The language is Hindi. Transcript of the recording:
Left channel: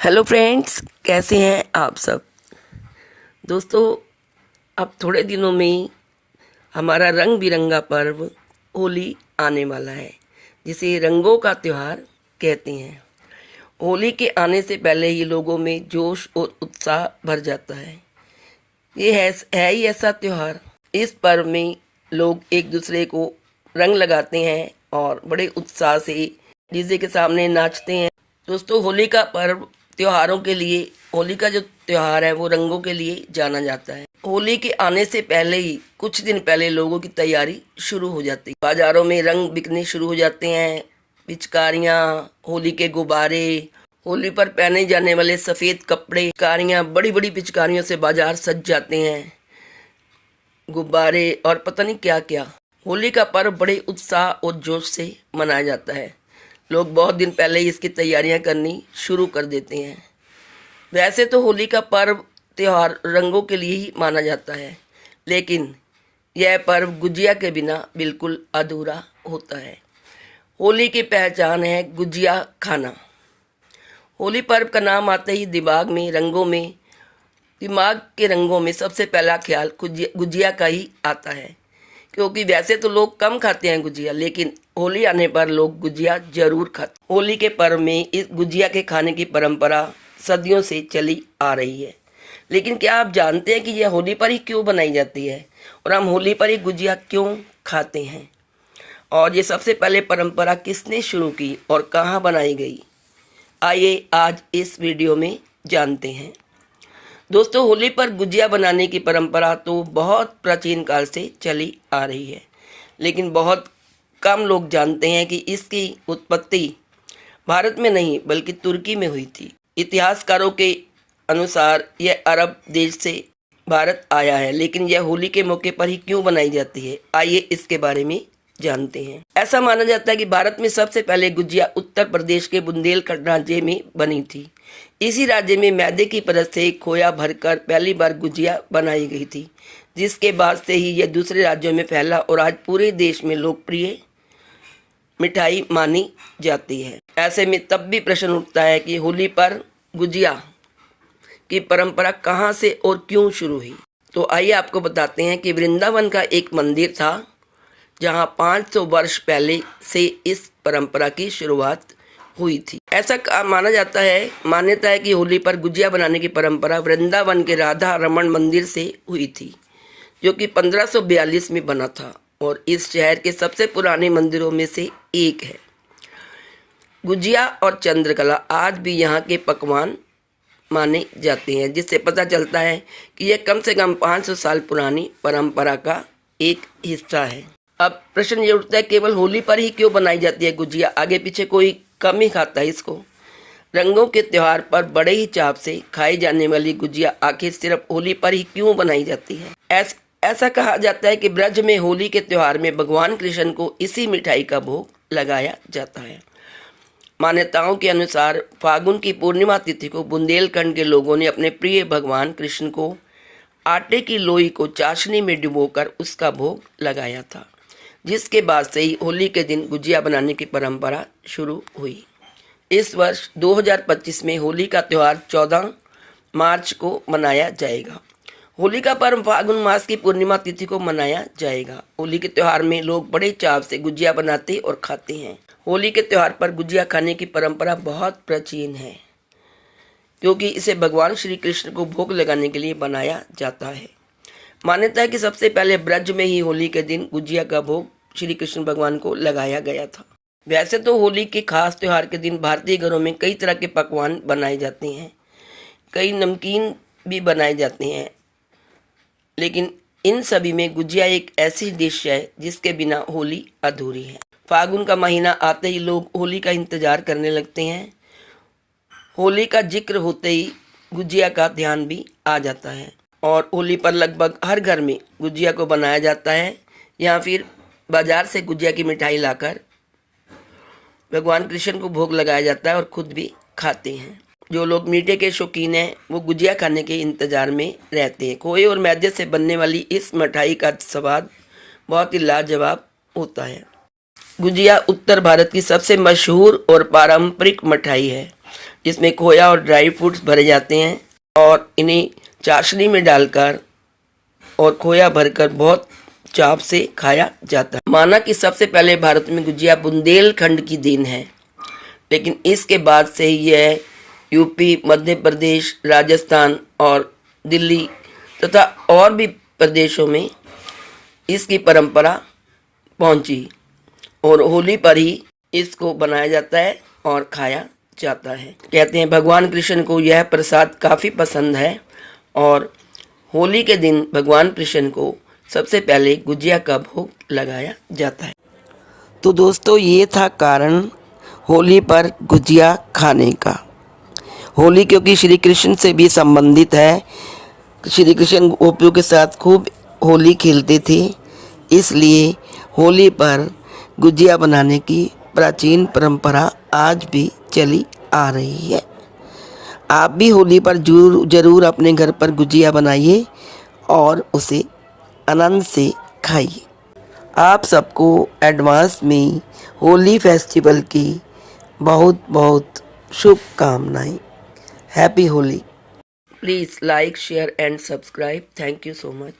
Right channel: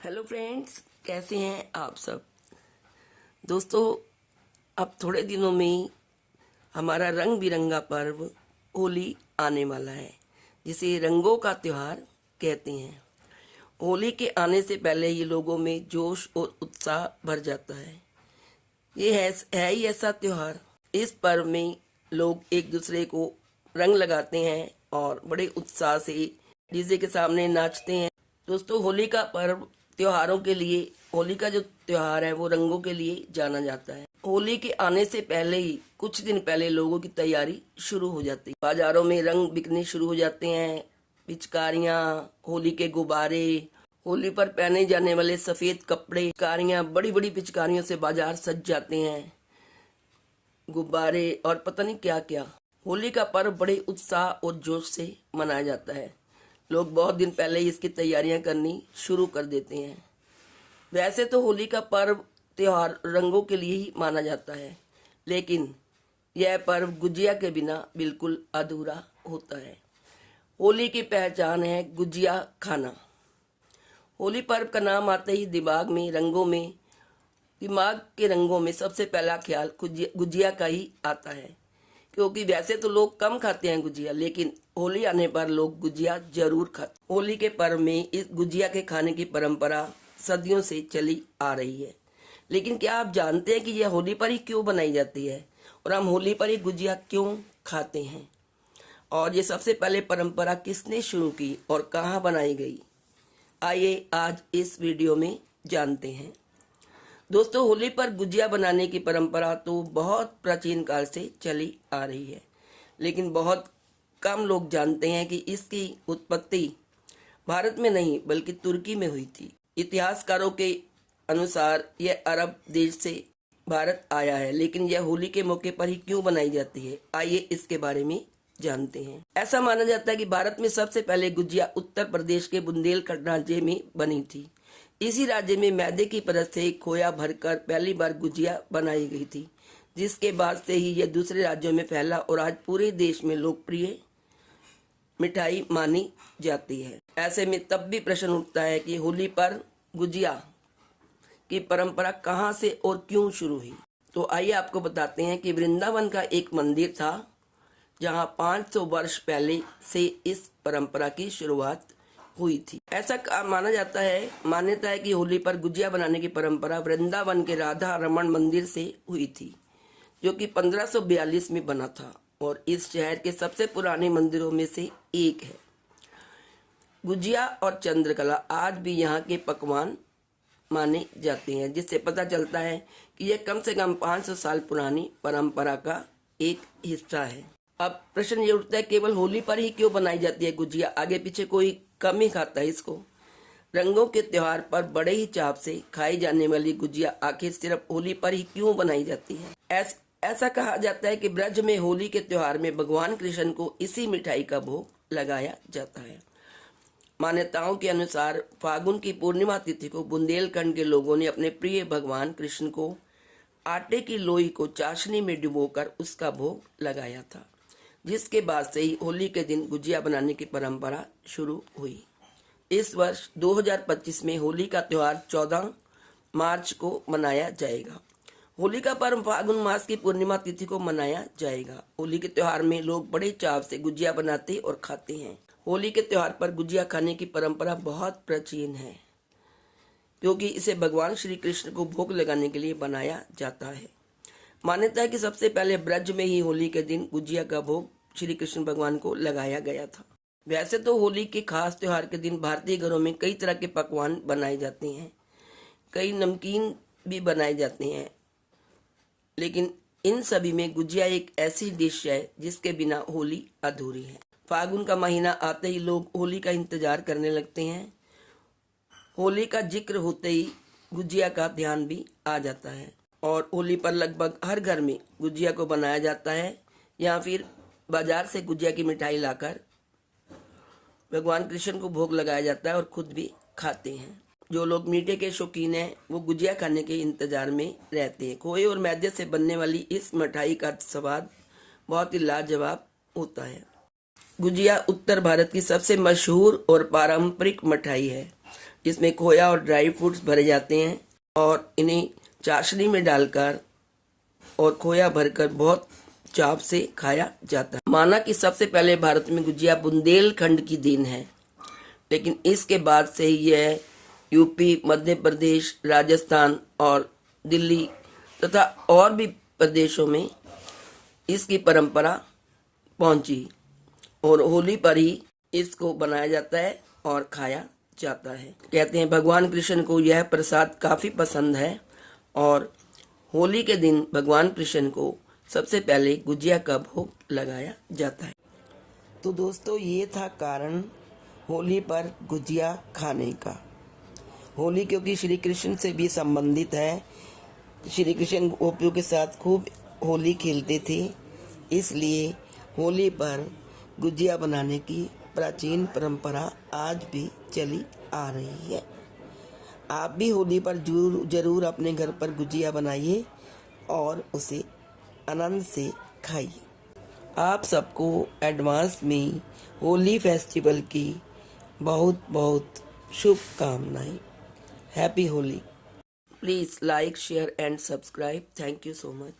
हेलो फ्रेंड्स, कैसे हैं आप सब। दोस्तों, अब थोड़े दिनों में ही हमारा रंग बिरंगा पर्व होली आने वाला है, जिसे रंगों का त्यौहार कहते हैं। होली के आने से पहले ही लोगों में जोश और उत्साह भर जाता है। ये है ही ऐसा त्यौहार। इस पर्व में लोग एक दूसरे को रंग लगाते हैं और बड़े उत्साह से डीजे के सामने नाचते हैं। दोस्तों, होली का पर्व त्योहारों के लिए, होली का जो त्योहार है वो रंगों के लिए जाना जाता है। होली के आने से पहले ही कुछ दिन पहले लोगों की तैयारी शुरू हो जाती है। बाजारों में रंग बिकने शुरू हो जाते हैं। पिचकारियाँ, होली के गुब्बारे, होली पर पहने जाने वाले सफ़ेद कपड़े, पिचकारियाँ, बड़ी बड़ी पिचकारियों से बाजार सज जाते हैं। गुब्बारे और पता नहीं क्या क्या। होली का पर्व बड़े उत्साह और जोश से मनाया जाता है। लोग बहुत दिन पहले ही इसकी तैयारियां करनी शुरू कर देते हैं। वैसे तो होली का पर्व त्यौहार रंगों के लिए ही माना जाता है, लेकिन यह पर्व गुजिया के बिना बिल्कुल अधूरा होता है। होली की पहचान है गुजिया खाना। होली पर्व का नाम आते ही दिमाग के रंगों में सबसे पहला ख्याल गुजिया का ही आता है, क्योंकि वैसे तो लोग कम खाते हैं गुजिया, लेकिन होली आने पर लोग गुजिया जरूर खाते। होली के पर्व में इस गुजिया के खाने की परंपरा सदियों से चली आ रही है। लेकिन क्या आप जानते हैं कि यह होली पर ही क्यों बनाई जाती है और हम होली पर ही गुजिया क्यों खाते हैं? और ये सबसे पहले परंपरा किसने शुरू की और कहाँ बनाई गई? आइए आज इस वीडियो में जानते हैं। दोस्तों, होली पर गुजिया बनाने की परंपरा तो बहुत प्राचीन काल से चली आ रही है, लेकिन बहुत कम लोग जानते हैं कि इसकी उत्पत्ति भारत में नहीं बल्कि तुर्की में हुई थी। इतिहासकारों के अनुसार यह अरब देश से भारत आया है, लेकिन यह होली के मौके पर ही क्यों बनाई जाती है, आइए इसके बारे में जानते हैं। ऐसा माना जाता है कि भारत में सबसे पहले गुजिया उत्तर प्रदेश के बुंदेलखंड राज्य में बनी थी। इसी राज्य में मैदे की परत से खोया भरकर पहली बार गुजिया बनाई गई थी, जिसके बाद से ही यह दूसरे राज्यों में फैला और आज पूरे देश में लोकप्रिय मिठाई मानी जाती है। ऐसे में तब भी प्रश्न उठता है कि होली पर गुजिया की परंपरा कहाँ से और क्यों शुरू हुई। तो आइए आपको बताते हैं कि वृंदावन का एक मंदिर था, जहाँ 500 वर्ष पहले से इस परंपरा की शुरुआत हुई थी। ऐसा मान्यता है कि होली पर गुजिया बनाने की परंपरा वृंदावन के राधा रमन मंदिर से हुई थी, जो कि 1542 में बना था और इस शहर के सबसे पुराने मंदिरों में से एक है। गुजिया और चंद्रकला आज भी यहाँ के पकवान माने जाते हैं, जिससे पता चलता है कि यह कम से कम 500 साल पुरानी परंपरा का एक हिस्सा है। अब प्रश्न ये उठता है, केवल होली पर ही क्यों बनाई जाती है गुजिया? आगे पीछे कोई कम ही खाता है इसको। रंगों के त्यौहार पर बड़े ही चाव से खाई जाने वाली गुजिया आखिर सिर्फ होली पर ही क्यों बनाई जाती है? ऐसा कहा जाता है कि ब्रज में होली के त्यौहार में भगवान कृष्ण को इसी मिठाई का भोग लगाया जाता है। मान्यताओं के अनुसार फागुन की पूर्णिमा तिथि को बुंदेलखंड के लोगों ने अपने प्रिय भगवान कृष्ण को आटे की लोई को चाशनी में डुबोकर उसका भोग लगाया था, जिसके बाद से ही होली के दिन गुजिया बनाने की परंपरा शुरू हुई। इस वर्ष 2025 में होली का त्यौहार 14 मार्च को मनाया जाएगा। होली का पर्व फागुन मास की पूर्णिमा तिथि को मनाया जाएगा। होली के त्यौहार में लोग बड़े चाव से गुजिया बनाते और खाते हैं। होली के त्यौहार पर गुजिया खाने की परंपरा बहुत प्राचीन है, क्योंकि इसे भगवान श्री कृष्ण को भोग लगाने के लिए बनाया जाता है। मान्यता है कि सबसे पहले ब्रज में ही होली के दिन गुजिया का भोग श्री कृष्ण भगवान को लगाया गया था। वैसे तो होली के खास त्यौहार के दिन भारतीय घरों में कई तरह के पकवान बनाए जाते हैं, कई नमकीन भी बनाए जाते हैं, लेकिन इन सभी में गुजिया एक ऐसी डिश है जिसके बिना होली अधूरी है। फागुन का महीना आते ही लोग होली का इंतजार करने लगते हैं। होली का जिक्र होते ही गुजिया का ध्यान भी आ जाता है और होली पर लगभग हर घर में गुजिया को बनाया जाता है, या फिर बाजार से गुजिया की मिठाई लाकर भगवान कृष्ण को भोग लगाया जाता है और खुद भी खाते हैं। जो लोग मीठे के शौकीन हैं वो गुजिया खाने के इंतज़ार में रहते हैं। खोए और मैदे से बनने वाली इस मिठाई का स्वाद बहुत ही लाजवाब होता है। गुजिया उत्तर भारत की सबसे मशहूर और पारंपरिक मिठाई है, इसमें खोया और ड्राई फ्रूट्स भरे जाते हैं और इन्हें चाशनी में डालकर और खोया भरकर बहुत चाव से खाया जाता है। माना कि सबसे पहले भारत में गुजिया बुंदेलखंड की देन है, लेकिन इसके बाद से यह यूपी, मध्य प्रदेश, राजस्थान और दिल्ली तथा और भी प्रदेशों में इसकी परंपरा पहुंची और होली पर ही इसको बनाया जाता है और खाया जाता है। कहते हैं भगवान कृष्ण को यह प्रसाद काफ़ी पसंद है और होली के दिन भगवान कृष्ण को सबसे पहले गुजिया का भोग लगाया जाता है। तो दोस्तों, ये था कारण होली पर गुजिया खाने का। होली क्योंकि श्री कृष्ण से भी संबंधित है, श्री कृष्ण गोपियों के साथ खूब होली खेलते थे, इसलिए होली पर गुजिया बनाने की प्राचीन परंपरा आज भी चली आ रही है। आप भी होली पर जरूर अपने घर पर गुजिया बनाइए और उसे आनंद से खाइए। आप सबको एडवांस में होली फेस्टिवल की बहुत बहुत शुभकामनाएं। Happy Holi. Please like, share and subscribe. Thank you so much.